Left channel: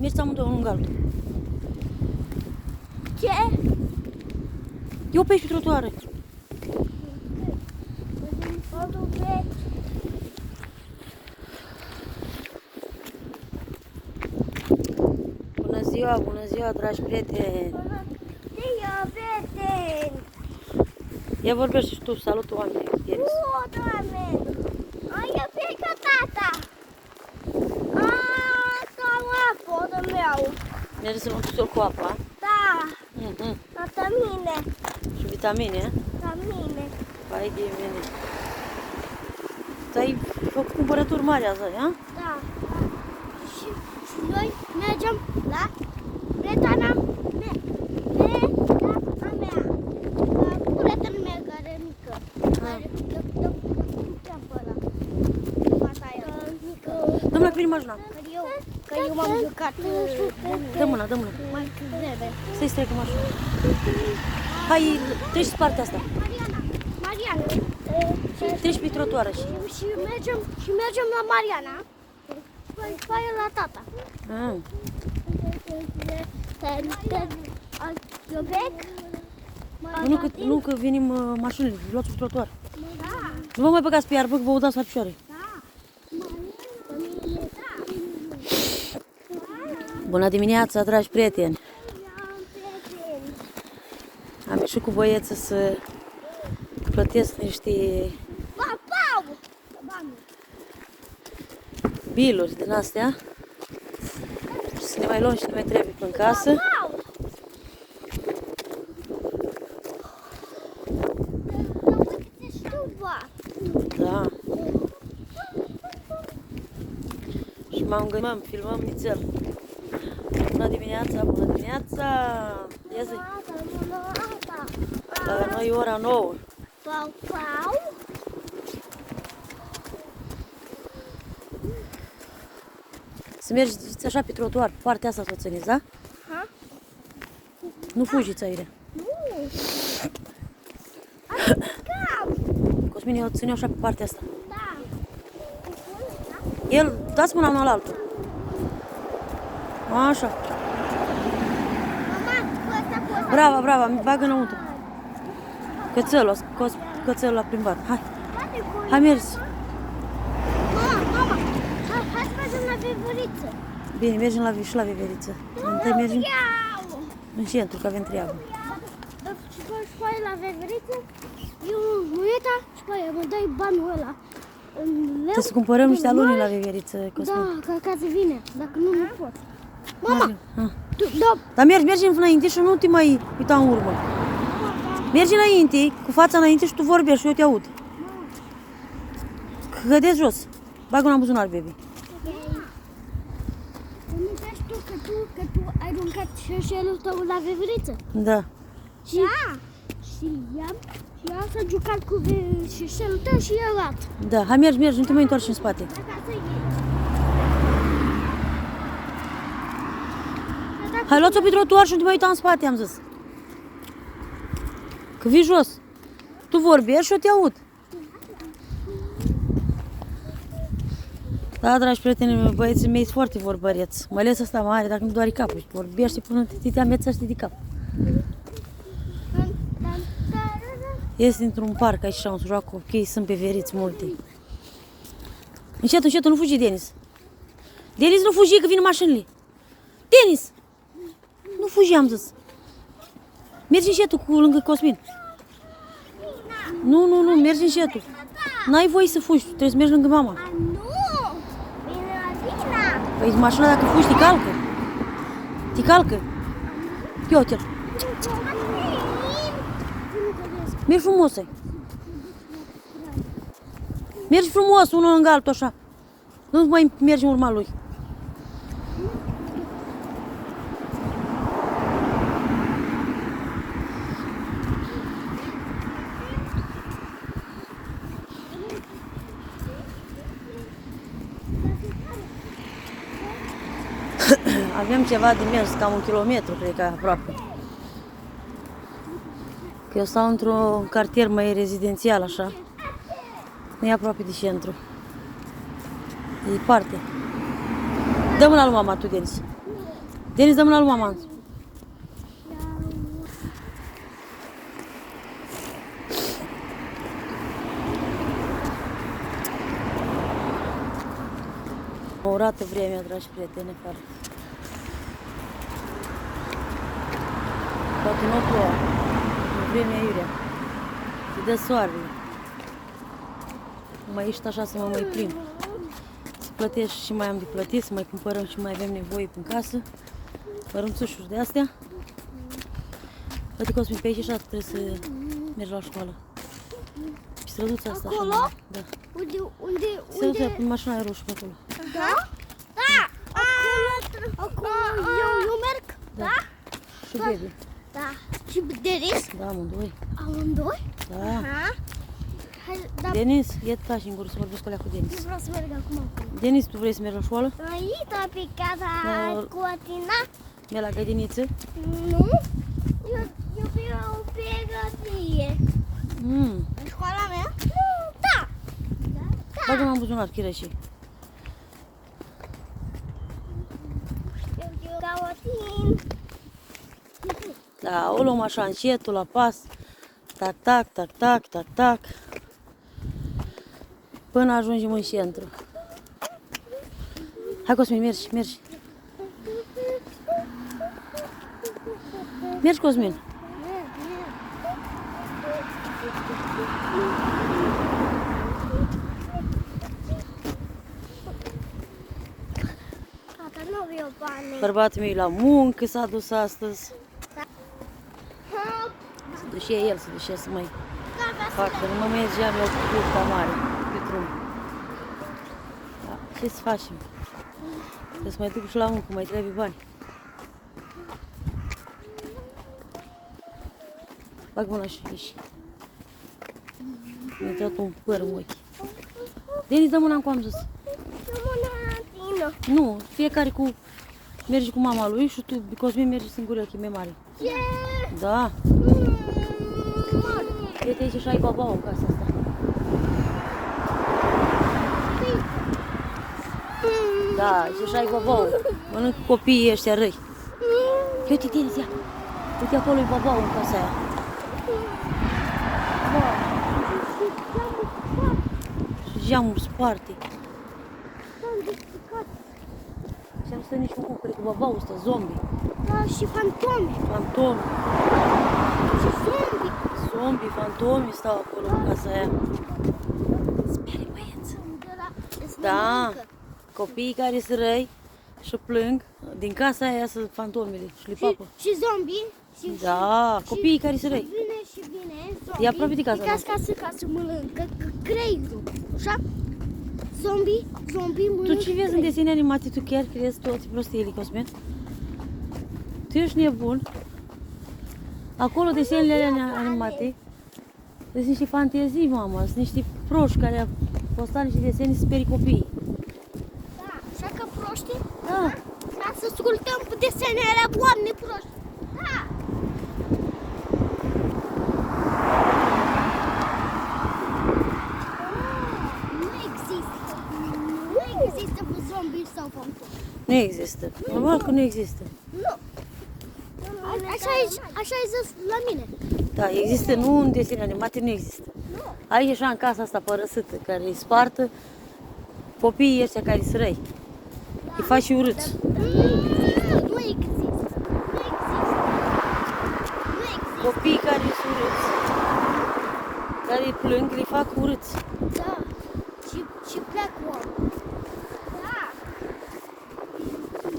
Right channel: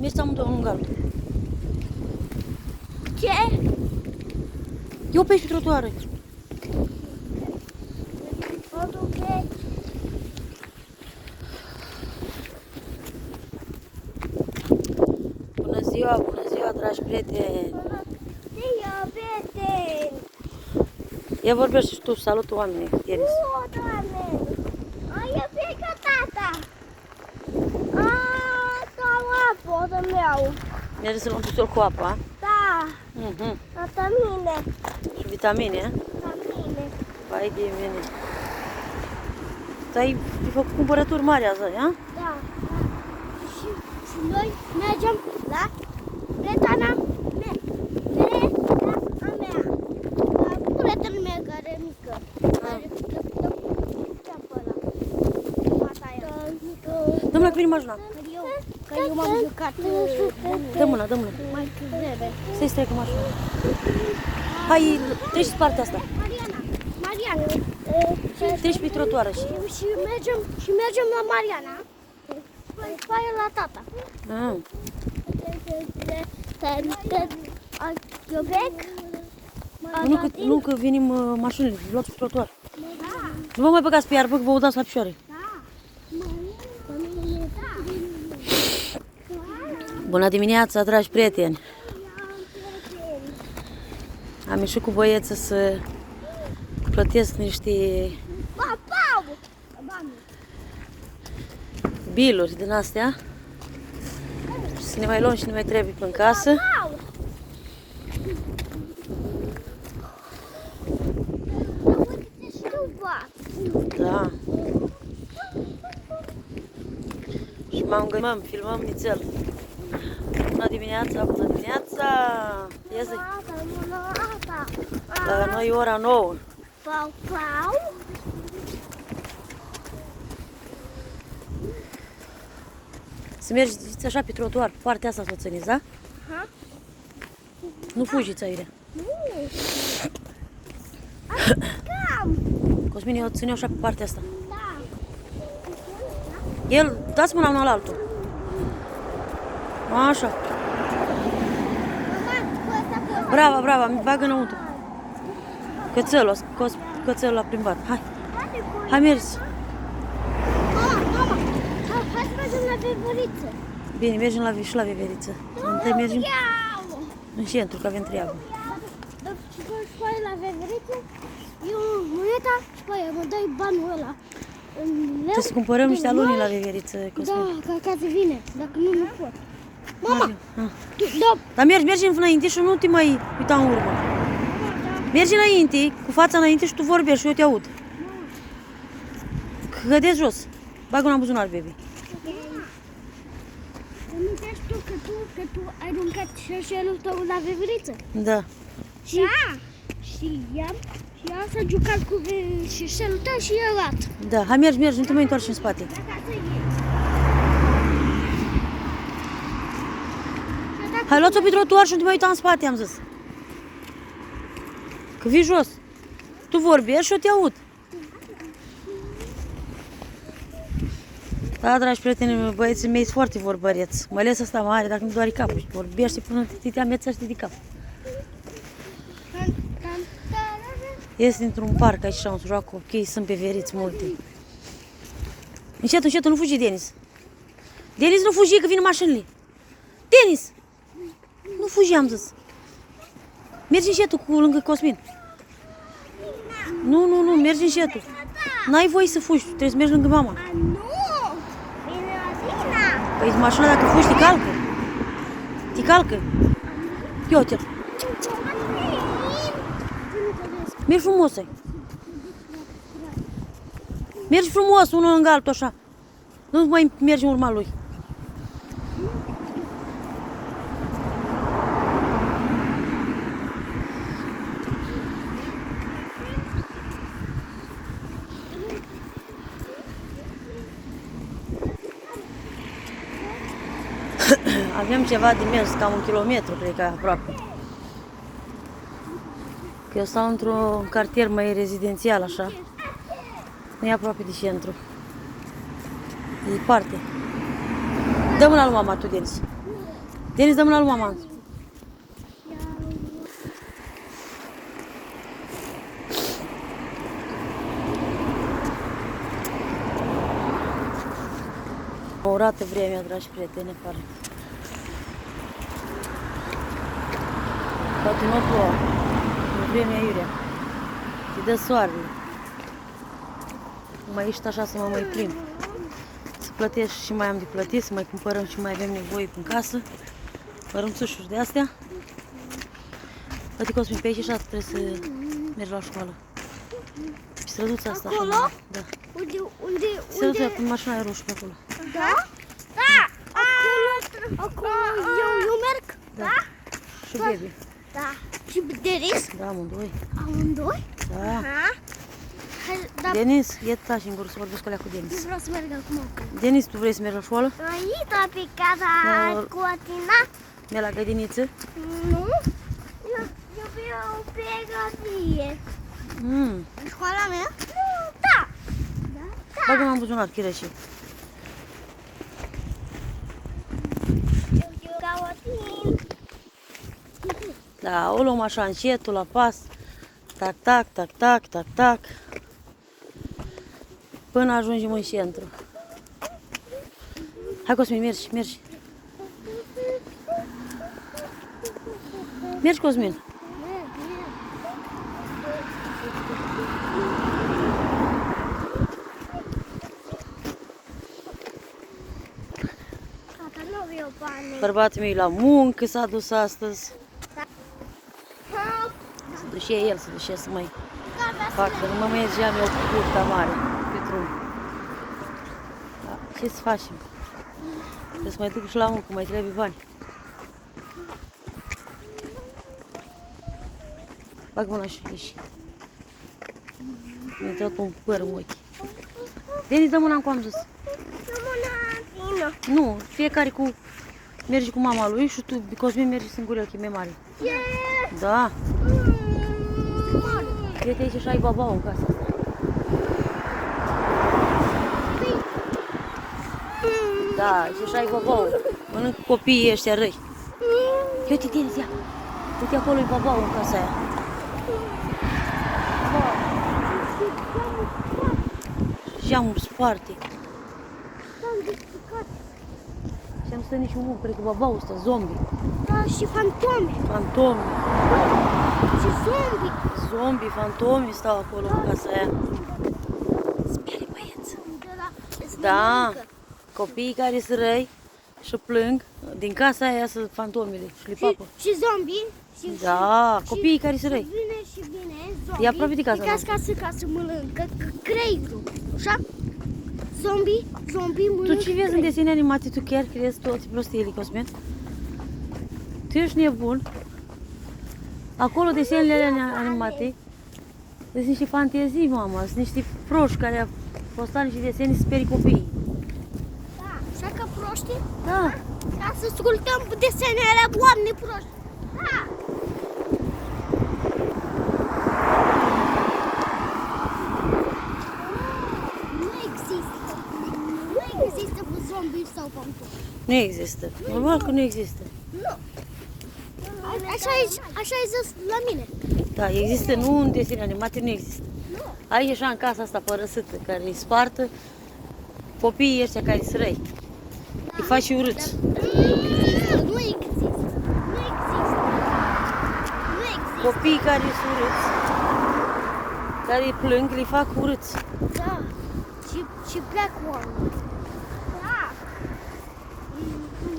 Mergi amândouă în galben. Ce? Eu pe aici pe trotuară. Bună ziua, dragi prieteni! Ia vorbește și tu, salută oamenii, Denis. Doamne! Ai pe tata! Apă, meu! Mergi să luăm pistol cu apă, a? Da! Mhm. Vitamine! Și vitamine, a? Vitamine! Vai de mine! Tu-ai făcut cumpărături mari azi, a? Da! Și noi mergem la prietena mea! Prietenul meu care e mică! Domnule, că vine mașina. Că eu m-am jucat Dă mâna. mai devreme. Să-i strecă mașina. Hai, treci pe partea asta. Mariana. Treci pe trotuară. Și mergem la Mariana. Păi la tata. Ah. Nu că venim mașinile, luați pe trotuar. Nu vă mai băgați pe iarbă, că vă udați la picioare. Bună dimineața, dragi prieteni! Am ieșit cu băieță să plătesc niște biluri din astea și să ne mai luăm și ne mai trebuie până în casă. Da. Și m-am gândit, filmăm nițel. Bună dimineața! Ia zi! La noi e ora 9. Să mergeți așa pe trotuar, pe partea asta să o țineți, da? Nu fugiți aici. Cosmin, eu ține așa pe partea asta. El, dați mâna unul la altul. Așa. Brava, mi bagă înăuntru. Cățelul, a scos cățelul la plimbat. Hai, mergi. Hai să mergem la Veveriță. Bine, mergem și la Veveriță. Întâi mergem în centru, că avem treabă. Și păi la Veveriță, eu uita și păi mă dai banul ăla. Trebuie să cumpărăm niște aluni la Veveriță, Cosmin. Da, ca să vină, dacă nu pot. Mama, Dar mergi înainte și nu te mai uita în urmă. Mergi înainte, cu fața înainte și tu vorbești și eu te aud. Cădeți jos. Bagă-o în buzunar, baby. Nu crezi tu că tu ai aruncat șerșelul tău la Veveriță? Da. Și ea s-a jucat cu șerșelul tău și i-a luat. Da, hai mergi, nu te mai întorci în spate. Hai, luați-o pe trotuar și nu te mai uita în spate, am zis. Că vii jos. Tu vorbești și eu te aud. Da, dragi prieteni, băieții mei sunt foarte vorbăreți. Mai ales ăsta mare, dacă nu doare capul. Vorbește până te amețește de cap. Este într-un parc aici și am să joacă copii, sunt pe veriți multe. Încet, nu fugi, Denis. Denis, nu fugi, că vin mașinile. Denis! Nu fugi, am zis. Mergi încetul cu lângă Cosmin. Nu, mergi încetul. N-ai voie să fugi, trebuie să mergi lângă mama. Nu! Vine la Zina! Păi mașina dacă fugi, te calcă. Te calcă. Iute. Mergi frumos. Mergi frumos, unul lângă altul, așa. Nu mai mergi în urma lui. Avem ceva de mers, cam 1 kilometru, cred că aproape. Eu stau într-un cartier mai rezidențial, așa. Nu e aproape de centru. E departe. Dă mâna lui mama tu, Denis. Denis, dă mâna lui mama. O urată vremea, dragi prieteni, afară. Poate nu plouă. E vremea iurea. Și dă soarele. Mai ești așa să mă mai plimb. Să plătești și mai am de plătit, să mai cumpărăm și mai avem nevoie în casă. Mărunțușuri de astea. Poate Cosmin pe aici așa trebuie să mergi la școală. Pe străduța asta așa. Acolo? Da. Unde? Străduța cu mașina aia roșu pe acolo. Da? Da! Acolo eu merg? Da. Și baby. Da. Și Denis? Da, amândoi. Amândoi? Da. Aha. Hai, da, Denis, e tași în gură să vorbesc cu alea cu Denis. vreau să merg acum acolo. Denis, tu vrei să mergi la școală? Aici, pe casa Da. cu Atina? De la grădiniță? Nu. Eu vreau pe grădie. Mm. În școala mea? Nu, da. Bagă-mă în buzunar, chireșii. Eu dau Atin. Da, o luăm așa încetul, la pas. Tac, tac, tac, tac, tac, tac. Până ajungem în centru. Hai, Cosmin, mergi, mergi. Mergi, Cosmin. Tata, nu vreau bani. Bărbatul meu e la muncă, s-a dus astăzi. Ha, Și el să duce să mai facă. Nu mă mergeam eu cu curta mare pe drum. Da, ce să facem? Trebuie să mai duc și la muncă, mai trebuie bani. Bag mâna și ieși. Mi-a dat un păr în ochi. Denis, dă mâna în am zis. Nu, fiecare cu... Mergi cu mama lui și tu, Cosmin, mergi singur, că e mai mare. Da. Uite aici și ai babau în casa asta. Da, aici și ai babau. Nu cu copiii ăștia răi. Uite, Denis, ia. Uite acolo e babau în casa aia. Geamul sparte. Și am stat niciun cred că babau ăsta, zombie. Da, și fantomi. Fantomi. Și zombi. Zombie, fantomi stau acolo în casa aia. Spere băieți. Da, copiii care sunt răi și plâng, din casa aia iasă fantomele, clipapă. Și zombi. Și, Da, copiii care sunt și răi. vine zombi. E aproape de casa noastră. Ca să mănâncă creierul. Așa? Zombi Tu mănâncă. ce vezi în desene animate, tu chiar crezi toate prostiile, Cosmin? Tu ești nebun. Acolo desenele alea animate sunt niște fantezii, mama, sunt niște proști care au postat niște desene să sperii copiii. Da, așa că proști. Da. Ca să ascultăm desenele alea oameni proști. Da. Nu există. Nu există zombi sau fantomi. Nu există. Normal că nu există. Nu. Așa ai zis la mine. Da, există, nu în desene animate, nu există. Ai așa în casa asta părăsită, care îi spartă copiii ăștia care sunt răi. Îi faci și urâți. Nu există. Nu există. Copiii care sunt urâți, care îi plâng, îi fac urâți. Da. Și pleacă oameni. Da.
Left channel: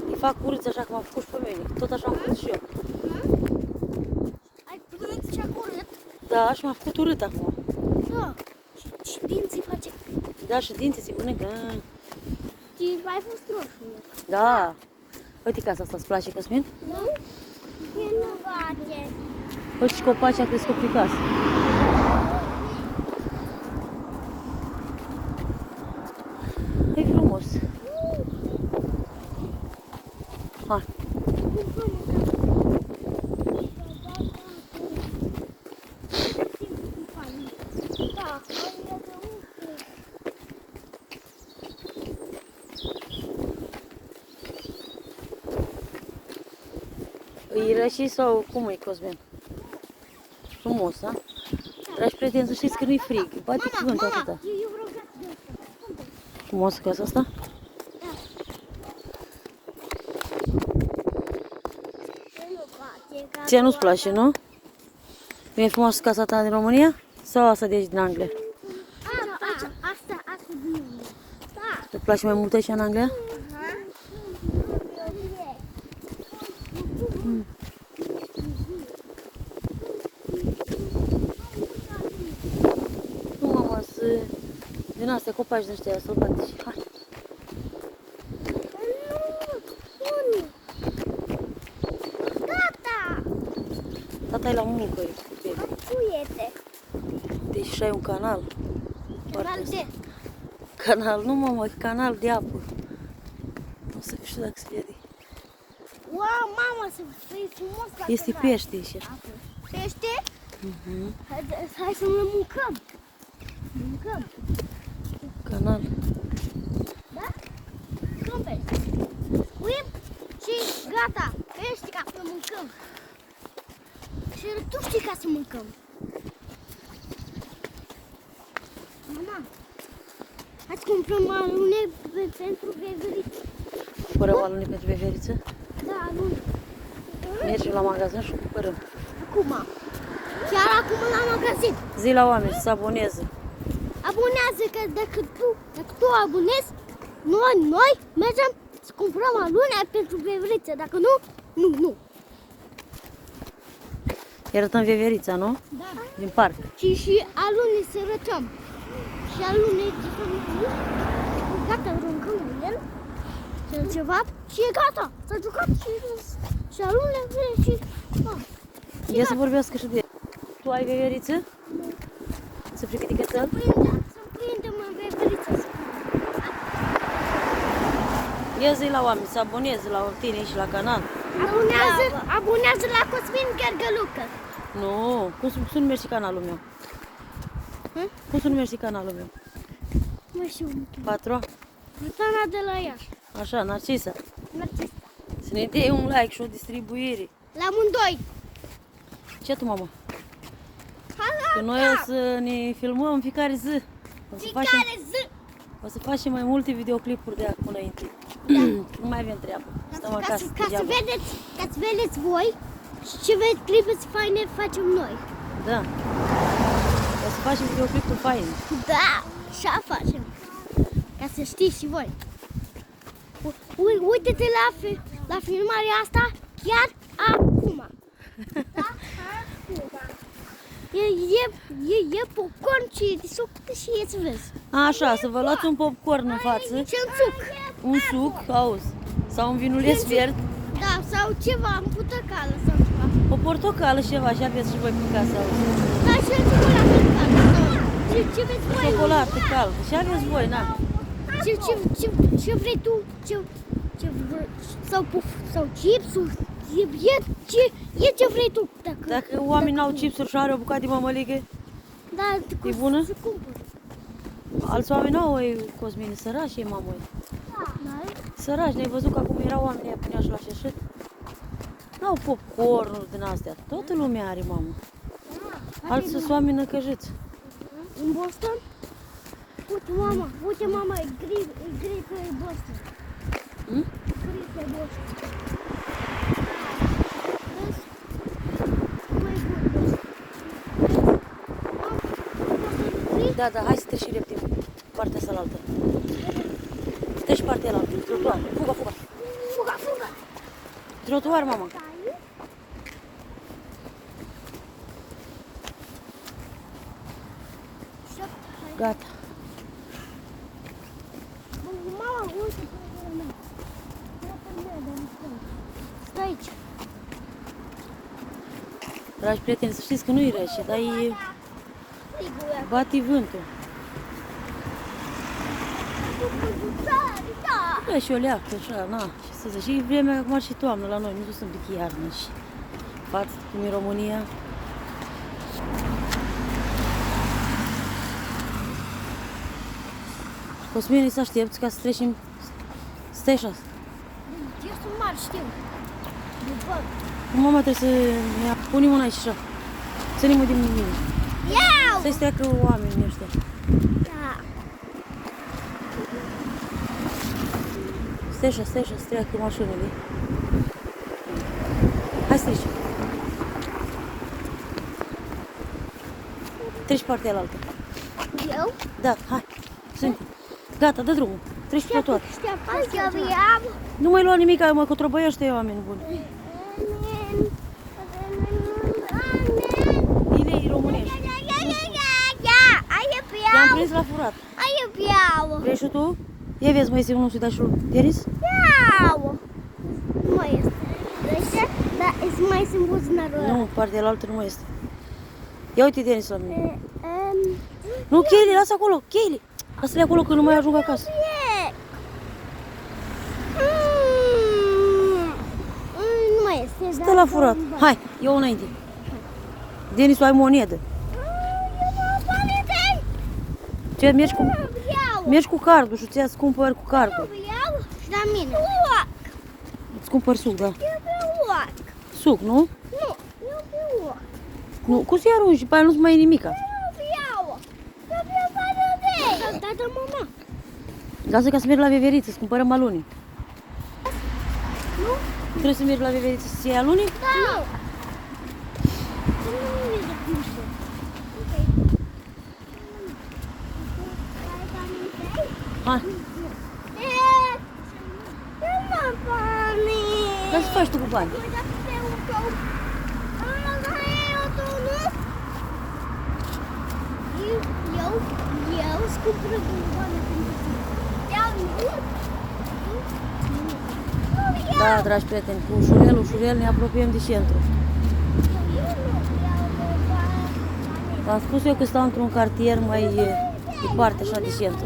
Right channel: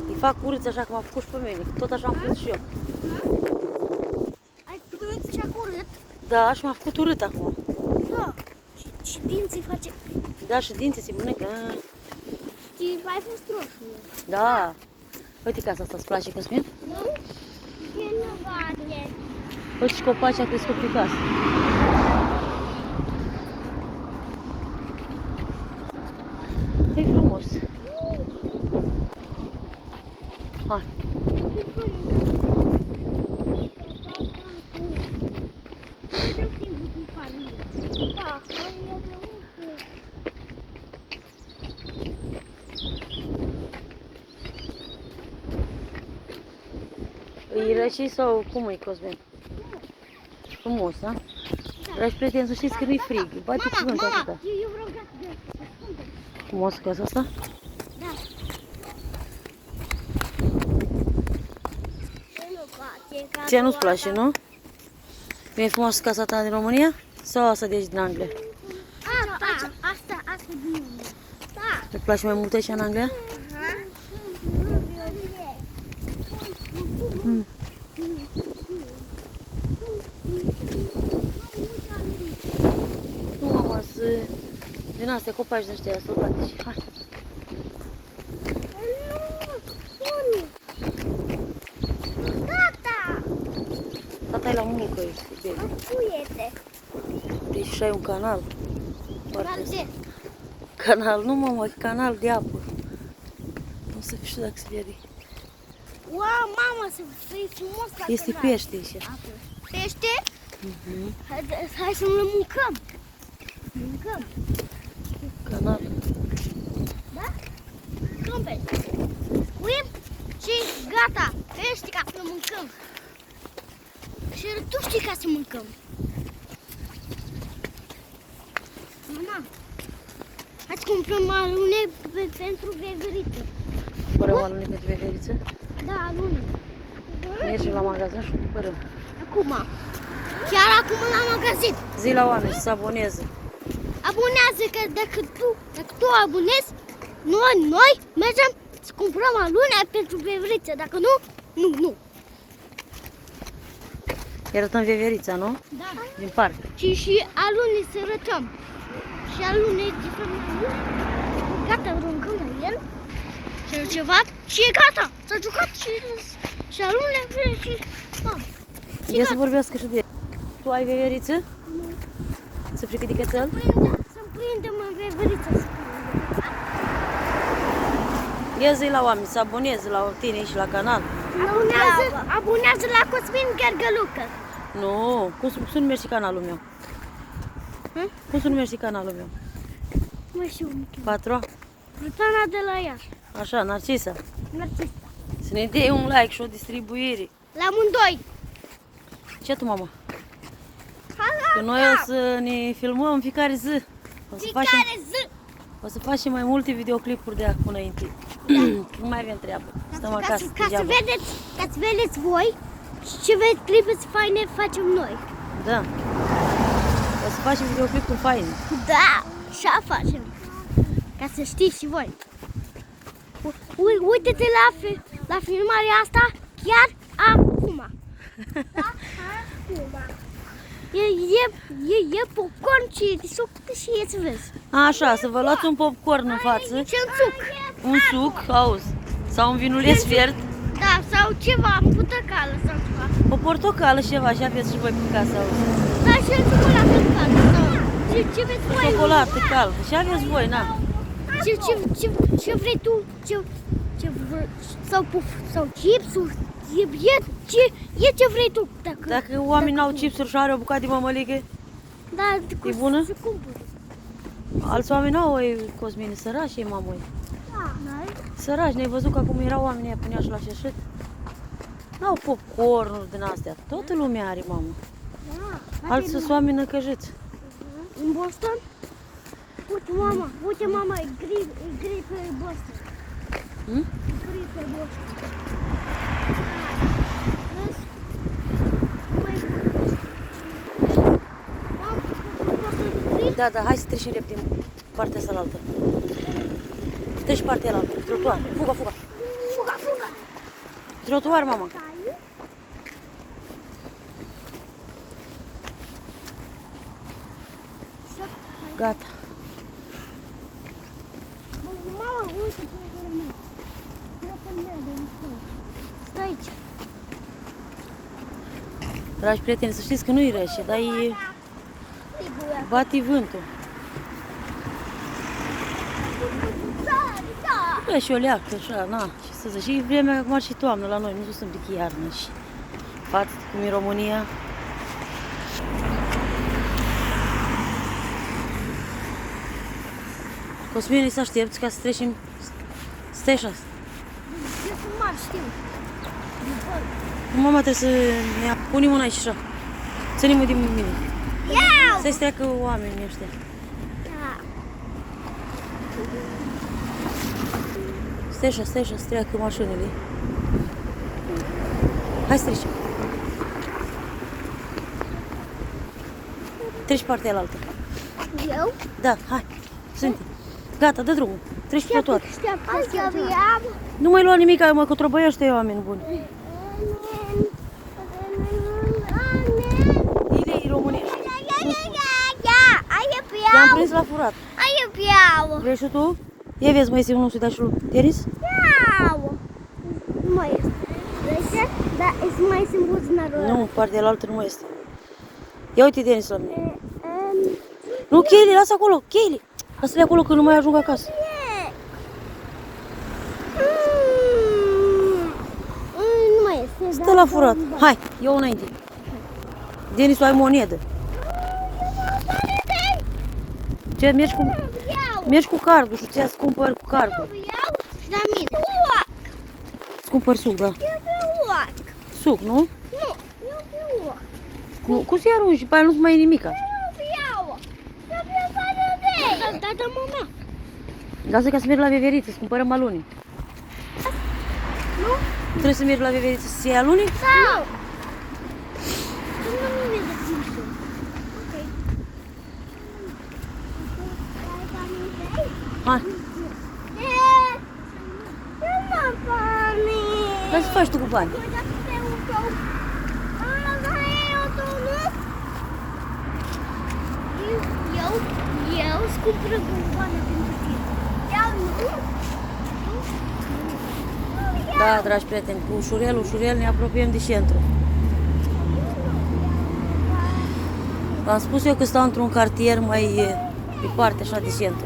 Îi fac urâți așa cum am făcut și pe mine. Tot așa am făcut și eu. Ai plâns și-a curât. Da, și m-a făcut urât acum. Da. Și dinții face. Da, și dinții se mănâncă. Și ai fost roșu. Da. Uite casa asta, îți place, Cosmin? Nu? E nu bate. Uite și copacii a crescut pe casă. E frumos. Hai. E rece sau cum e, Cosmin? Frumos, da? Dragi prieteni, să știți că nu-i frig. Bate cuvântul atâta. Eu vreau gata de asta. Frumos casa asta? Da. Nu place, că Ție nu-ți place, nu? E frumos casa ta din România? Sau asta de aici din Anglia? Asta din mine. Da. Îți place mai mult aici în Anglia? Nu, mama, din astea copaci din ăștia sălbatici. Hai. Gata. Tata e la muncă, ești, baby. Uite. Deci și ai un canal. Foarte De. Canal, nu mama, e canal de apă. O să știu dacă se vede. Wow, mama, să fii frumos la Este canal. pește aici. Pește? Mhm. Hai să ne mâncăm. Mâncăm. Canal. Da? Mâncăm pește. Scuim și gata. Pește ca să mâncăm. Și tu știi ca să mâncăm. Mama, hai să cumpărăm alune pentru veveriță. Fără o alune pentru veveriță. Da, alune. Mergem la magazin și cumpărăm. Acum. Chiar acum la magazin. Zi la oameni să se aboneze. Abonează că dacă tu abonezi, noi mergem să cumpărăm alune pentru veveriță. Dacă nu. Îi arătăm veverița, nu? Da. Din parc. Și alune să arătăm. Și alune de mai gata, aruncăm la el. Și ceva și e gata. S-a jucat și alune și mam. Ia să vorbească și de el. Tu ai veveriță? Nu. Să frică de cățel? Să-mi prindem în veveriță. Ia zi la oameni să aboneze la tine și la canal. Abonează la Cosmin Gărgălucă. Nu, cum se numește canalul meu? Hă? Cum se numește canalul meu? Mă știu. Patru? Rutana de la ea. Așa, Narcisa. Narcisa. Să ne dea un like și o distribuire. La amândoi. Ce tu, mama? Că noi o să ne filmăm în fiecare zi. O să facem mai multe videoclipuri de acum înainte. Nu mai avem treabă. Stăm acasă degeaba. Ca să vedeți voi și ce trebuie să faine facem noi. Da. O să facem videoclipuri faine. Da, așa facem. Ca să știți și voi. Uite-te la filmarea asta chiar acum. Da? Acum. E popcorn și suc și e să vezi. Așa, să vă luați un popcorn în față, Și un suc. un suc, auzi, sau un vinuleț fiert, Da, sau ceva, în putăcală sau ceva. o portocală și ceva și aveți și voi pe casă, auzi. Da, și o ciocolată caldă. Și ce vreți voi? Ciocolată caldă și aveți voi, na. Ce vrei tu? Sau chipsuri? E ce vrei tu. Dacă oamenii n-au chipsuri și are o bucată de mămăligă, Da, E bună? Să cumpări. alți oameni n-au, Cosmine, sărași, mamă. Da? Sărași, ne-ai văzut că acum erau oamenii aia punea și la șeșet? N-au popcornuri din astea, toată lumea are, mamă. Alții sunt oameni năcăjiți. În Boston? Uite mama, e gri pe Boston. Hmm? Gri pe Boston. Vezi? Băi, Boston. Da, hai să trecem repede partea asta la altă. Treci partea la altă, trotuar. Fuga. Trotuar, mama. Gata. Mama, uite. Stai aici. Dragi prieteni, să știți că nu-i rece, dar e... bate vântul. Da, și o leacă, așa, na, ce să zic. Și vremea acum și toamnă la noi, nu sunt de iarnă și față cum e România. Cosmine, să aștepți ca să trecem. Stai așa. Eu sunt mare, știu. Mama trebuie să ne punem una și așa. Ținem-o din mine. Iau! Să-i streacă oamenii ăștia. Stai așa, să treacă mașinile. Hai să treci. Treci partea alaltă. Eu? Da, hai. Suntem. Gata, dă drumul. Treci pe tot. Iau! Nu mai lua nimic, mă, că trăbăiește oameni buni. Bine, e românești. I-am prins la furat. Vrei și tu? Ia vezi, mai este unul să-i dai și lui Denis? Nu mai este. Uite, dar mai sunt buzunarul ăla. Nu, partea alaltă nu mai este. Ia uite Denis la mine. Nu, cheile, lasă acolo, cheile. Lasă-le acolo că nu mai ajung acasă. Nu mai este. Stă la furat. Hai, eu înainte. Denis, ai monedă. Ce, mergi cu cardul și ți-ați cumpări cu cardul. Și la mine. Îți cumpări suc, da. Eu Suc, nu? Nu, Nu, cum să-i arunci? După aia nu-ți mai e nimica. Da, mama. Lasă ca să mergi la veveriță, să cumpărăm alune. Nu? Trebuie să mergi la veveriță să-ți iei alune? Da. Hai. Dar ce faci tu cu bani? Eu îți cumpără bomboane pentru tine. Da, dragi prieteni, cu ușurel ne apropiem de centru. V-am spus eu că stau într-un cartier mai departe, așa, de centru.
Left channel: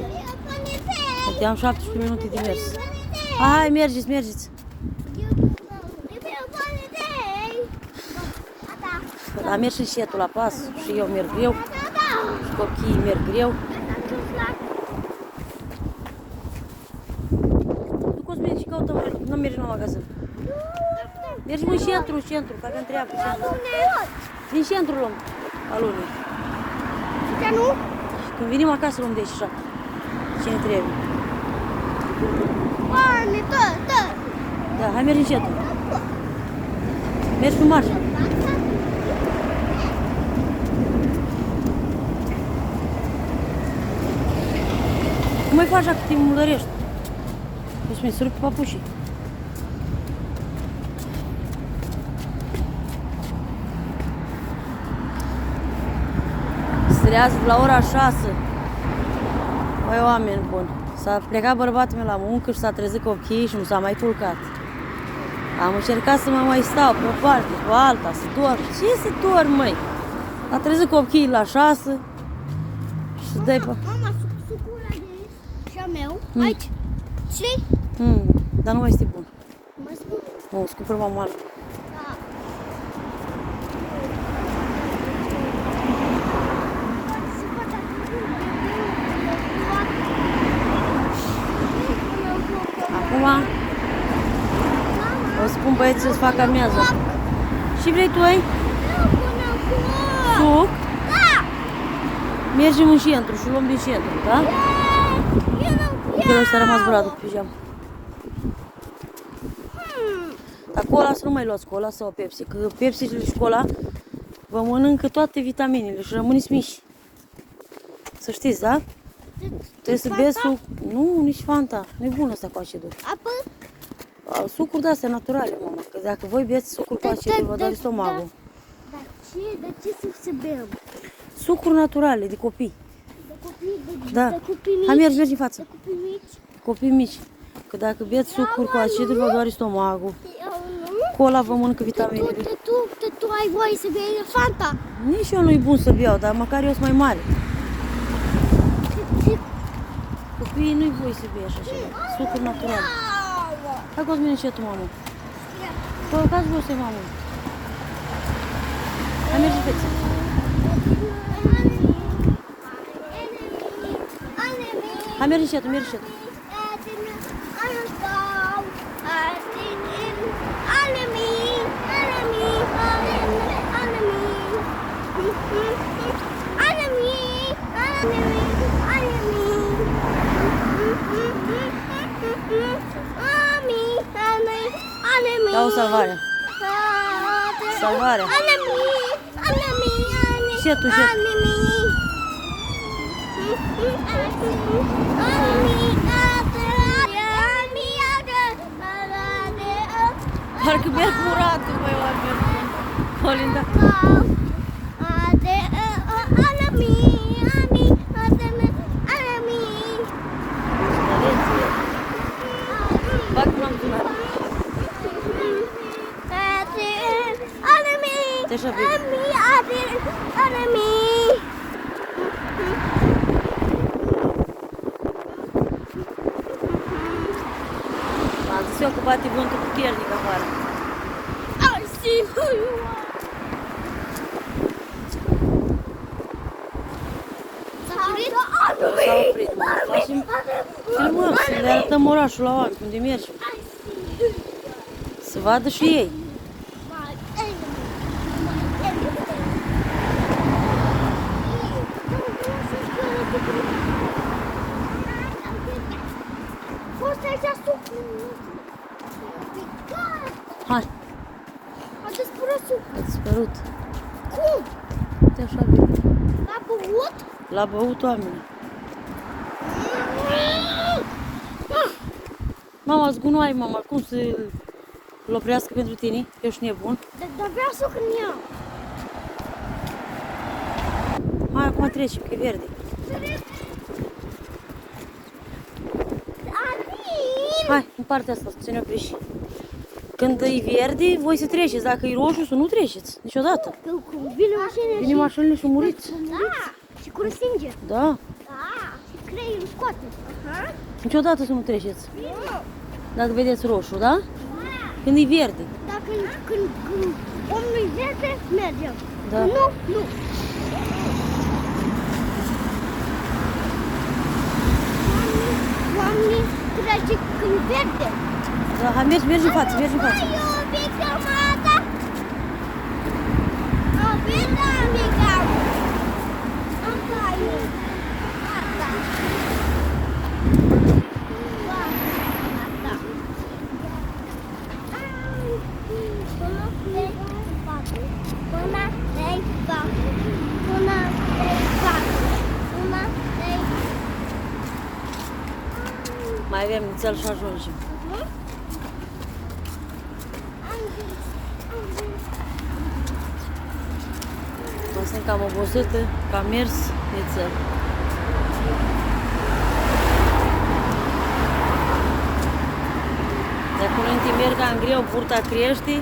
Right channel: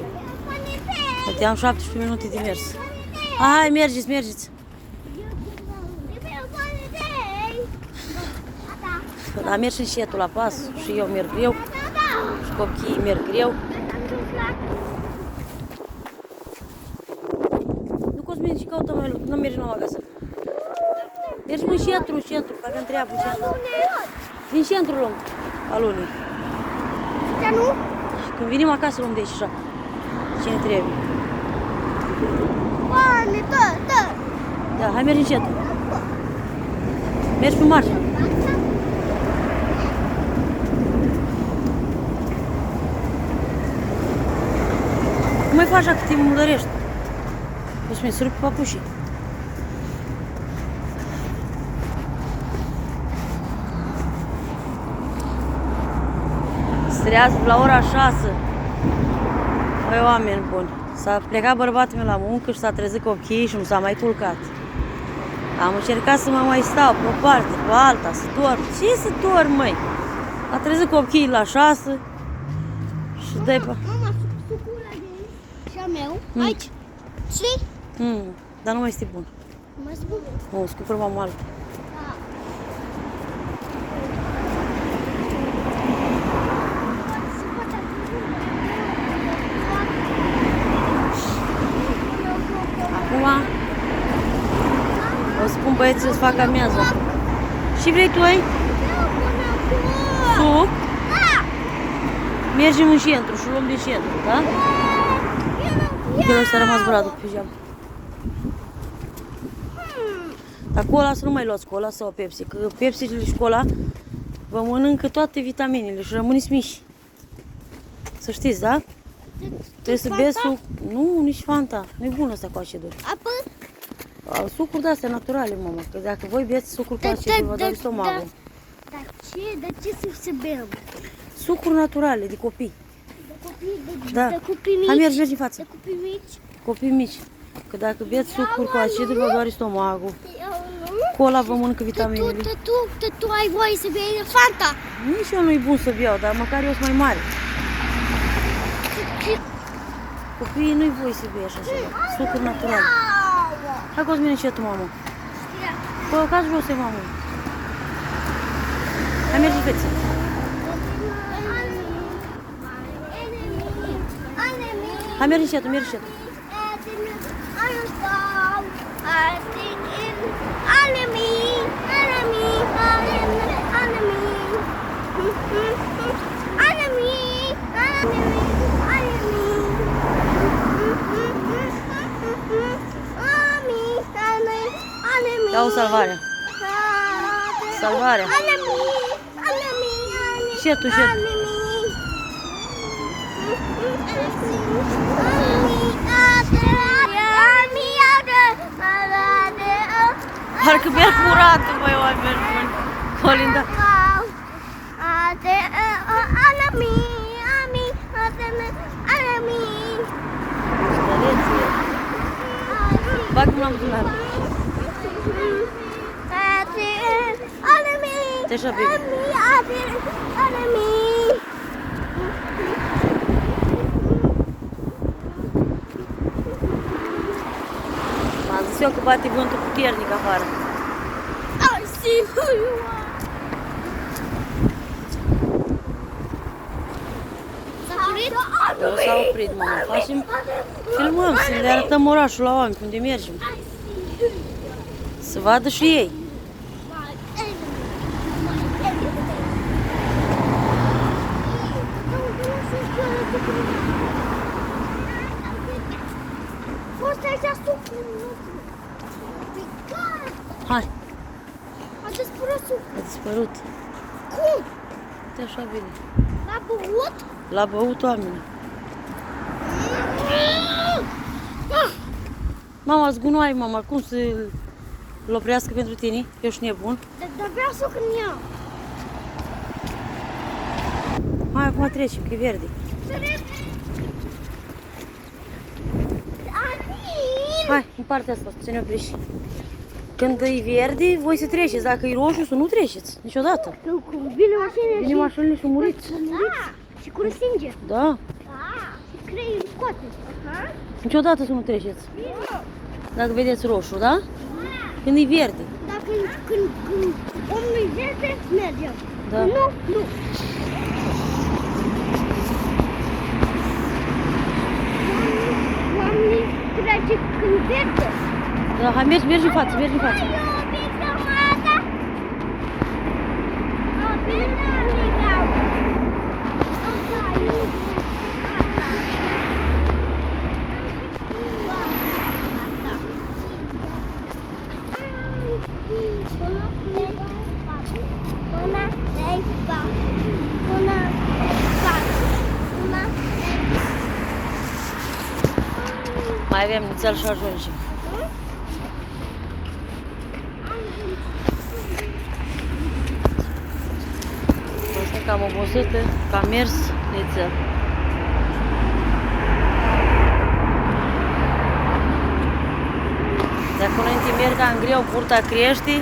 Am 17 minute de mers. Hai, mergeți. Dar merg și încetul la pas și eu merg greu și copiii merg greu. Nu Cosmin, și caută, nu mergi numai acasă. Mergem în centru, că avem treabă în centru. Din centru luăm alunii. Și când venim acasă luăm de aici așa. Ce ne trebuie. Da, hai mergi încetul. Mergi pe marșă. Cum mai faci așa că te mudărești? Cosmin, să rupi papușii. Strează la ora 6. Măi, oameni buni. S-a plecat bărbatul meu la muncă și s-a trezit copiii și nu s-a mai culcat. Am încercat să mă mai stau pe o parte, pe alta, să dorm. Ce să dorm, măi? A trezit copiii la 6 și dă-i pe... Mama, sucul ăla de aici și a meu, aici. Știi? Dar nu mai este bun. Nu mai spun. Nu, îți cumpăr mama altă. Acum o să spun băieții să-ți facă amiază. Și vrei tu, ai? Suc? Mergem în centru și luăm din centru, da? Că ăsta a rămas bradul pe pijamă. Dar cola să nu mai luați cola sau Pepsi, că Pepsi și cola vă mănâncă toate vitaminele și rămâneți mici. Să știți, da? Trebuie să beți suc. Nu, nici Fanta. Nu e bun ăsta cu acidul. Apă? Sucuri de-astea naturale, mama. Că dacă voi beți sucuri cu acidul, vă dă stomacul. Dar ce să bem? Sucuri naturale, de copii. De copii, Da. de copii mici? Hai, mergi în față. De copii mici? Copii mici. Că dacă beți sucuri cu acidul, vă doare stomacul. Eu nu. Cola vă mănâncă vitaminele. Tu ai voie să bei Fanta? Nici eu nu-i bun să beau, dar măcar eu sunt mai mare. Copiii nu-i voie să bei așa ceva. Sucuri naturale. Hai, Cosmin, încetul, mamă. Păi, cați jos, mamă. Hai, mergi, fețe. Hai, mergi încetul, mergi încetul. Enemy. Da o salvare. Salvare. Și tu, și tu. Parcă merg curatul, băi, oameni buni. Colinda. Bag mâna în buzunar. Te așa bine. M-am zis eu că bate vântul puternic afară. Eu s-a oprit, mama. Facem, filmăm, să le arătăm orașul la oameni, unde mergem. Să vadă și ei. Hai. A dispărut. Cum? Uite așa bine. L-a băut? L-a băut oamenii. Mama, zgunoi, mama, cum să-l oprească pentru tine? Ești nebun. Dar vreau să când iau. Hai, acum treci, că e verde. Hai, în partea asta, să ne oprești. Când e verde, voi să treceți. Dacă e roșu, să nu treceți. Niciodată. Nu, cum vine mașinile Vine mașinile și muriți. și cu răstinge. Da. Creierul scoate. Niciodată să nu treceți. Dacă vedeți roșu, da? Când e verde. Dar când omul e verde, mergem. Da. Când nu, nu. Oamenii trece când verde. Da, hai, mergi în față, mergi în față. Mai avem nițel și ajungem. Sunt cam obosită, că am mers nițel. De acum înainte merg cam greu, burta crește.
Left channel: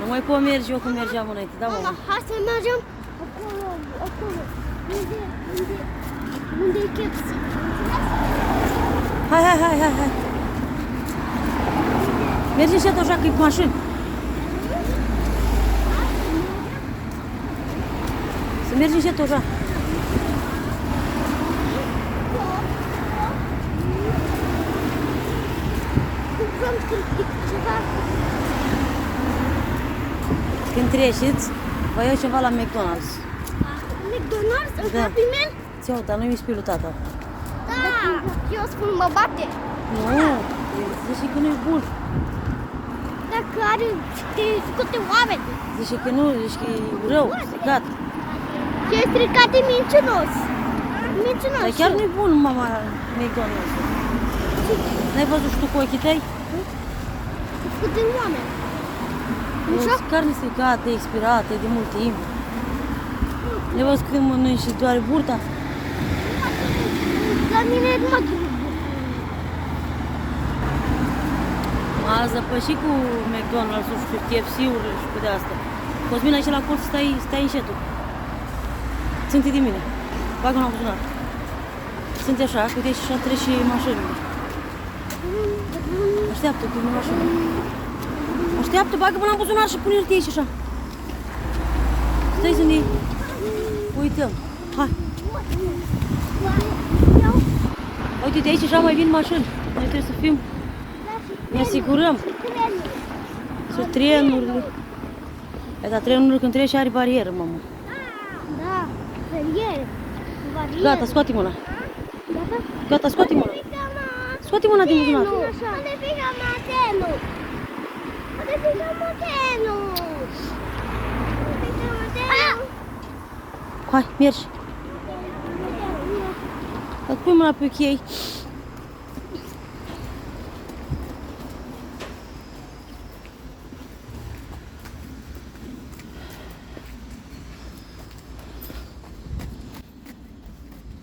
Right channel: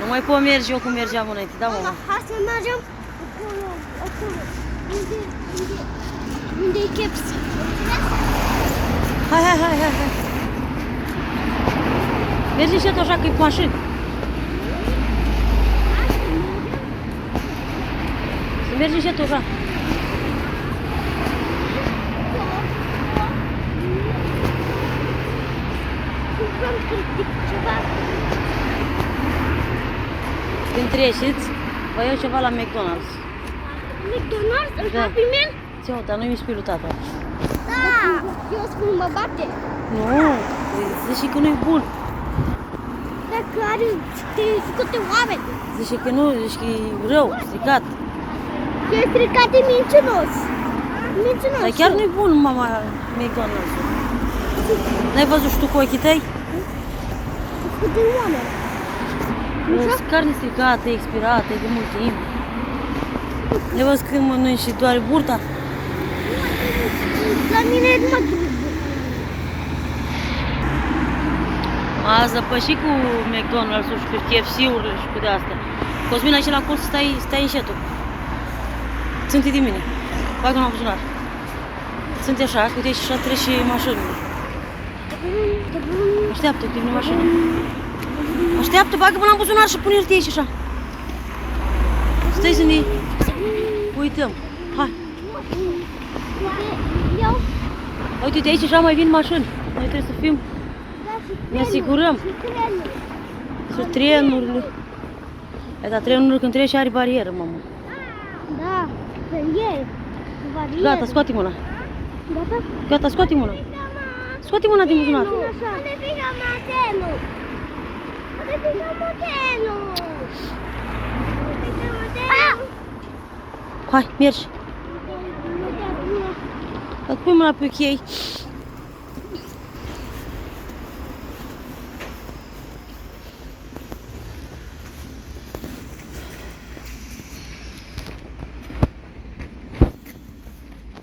Nu mai pot merge eu cum mergeam înainte, da, mama? Hai să mergem acolo, acolo. Unde e KFC? Hai, hai, hai, hai, hai. Mergi și așa că e cu mașini. Să mergi și așa. Cumpărăm ceva. Când treceți, vă iau ceva la McDonald's. McDonald's? În Da. Happy Meal? Ți-o, dar nu-i spilul tata. Da. Eu spun mă bate. Nu, zice că nu-i bun. Dacă are câte oameni. Zice că nu, zice că e rău, stricat. Ce e stricat e mincinos. Mincinos. Dar chiar nu-i bun, mama, McDonald's. N-ai văzut și tu cu ochii tăi? Câte oameni. Așa? Carne stricată, expirată, de mult timp. Ne văzut când mănânci și doare burta? La mine e numai drumul. M-a zăpășit cu McDonald's-ul și cu KFC-urile și cu de asta. Cosmin, aici la colț stai încetul. Ține de mine. Bagă mâna în buzunar. Sunt așa, uite și așa trece și mașinile. Așteaptă, prinde mașină. Așteaptă, bagă mâna în buzunar și pune-te aici așa. Stai să ne uităm. Hai. Uite, de aici așa mai vin mașini. Noi trebuie să fim, ne asigurăm. Sunt trenurile. Dar trenurile când trece are barieră, mamă. Da, barieră. Gata, scoate mâna. Gata, scoate mâna. Scoate mâna din buzunar. Hai, mergi. Dacă pui mâna pe chei.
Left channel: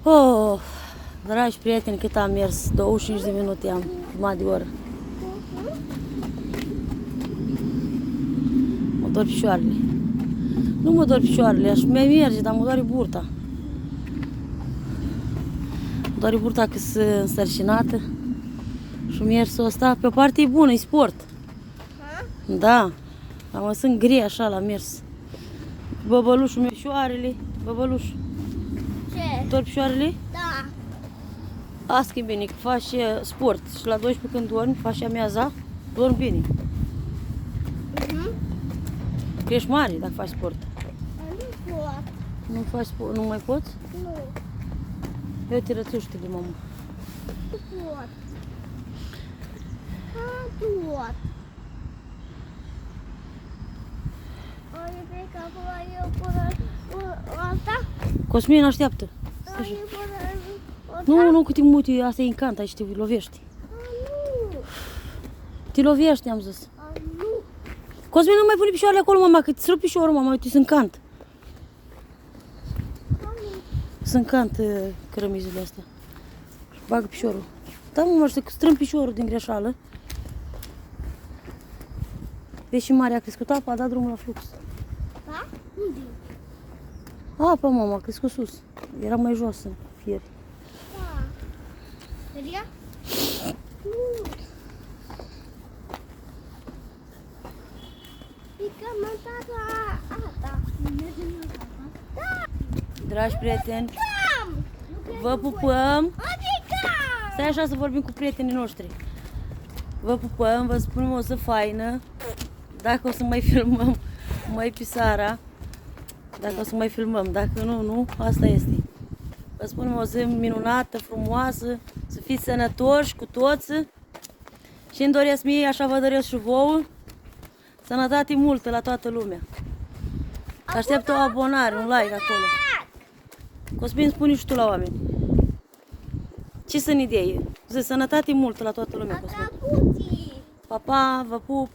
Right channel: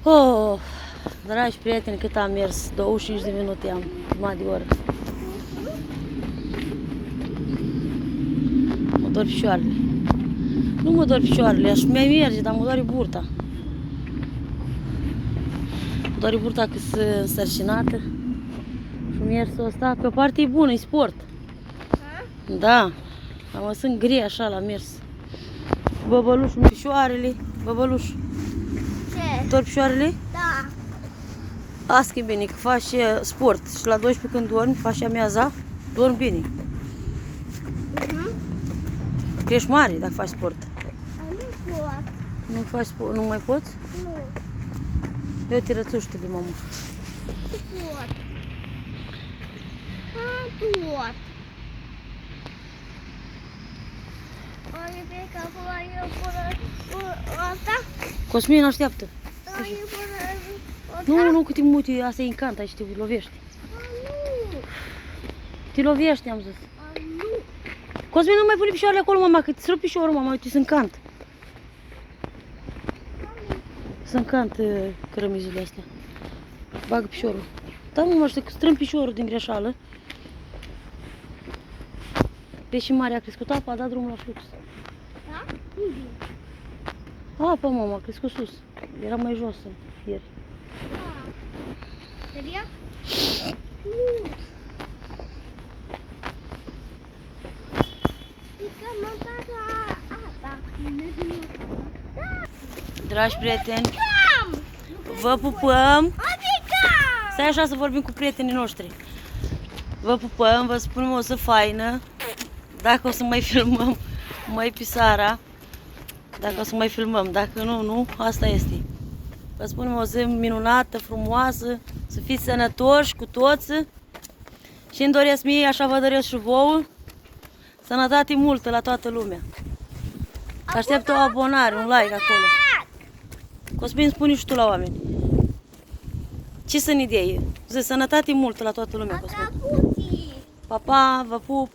Oh, dragi prieteni, cât am mers? 25 de minute am, jumătate de oră. Mă dor picioarele. Nu mă dor picioarele, aș mai merge, dar mă doare burta. Mă doare burta că sunt însărcinată. Și mersul ăsta, pe parte e bună, e sport. Da, mă sunt grea așa la mers. Băbălușul în picioarele, băbăluș. Ce? Dor picioarele? Da. Asta e bine, că faci sport și la 12 când dormi, faci amiaza, dormi bine. Că ești mare dacă faci sport. Nu pot. Nu faci sport, nu mai poți? Nu. Eu te rățuște-le, mamă. Nu pot. Nu pot. Ai pe capul asta? Cosmin, așteaptă. Ai Nu, că te muti, asta e în cant, aici te lovești. Nu. Te lovești, am zis. Nu. Cosmin, nu mai pune picioarele acolo, mama, că te srup piciorul, mama, uite, sunt cant. Sunt cant cărămizile astea. Bagă piciorul. Da, mama, să strâng piciorul din greșeală. Deși mare a crescut apa, a dat drumul la flux. Da? Unde? Apa, mama, a crescut sus. Era mai jos ieri. Seria? Dragi prieteni, vă pupăm. Stai așa să vorbim cu prietenii noștri. Vă pupăm, vă spunem o zi faină. Dacă o să mai filmăm, mai pisara. Dacă o să mai filmăm, dacă nu, nu, asta este. Vă spunem o zi minunată, frumoasă, să fiți sănătoși cu toți. Și îmi doresc mie, așa vă doresc și vouă, sănătate multă la toată lumea. Aștept o abonare, un like acolo. Cosmin, spune și tu la oameni. Ce sunt idei? Zi, sănătate multă la toată lumea, Cosmin. Pa, pa, vă pup!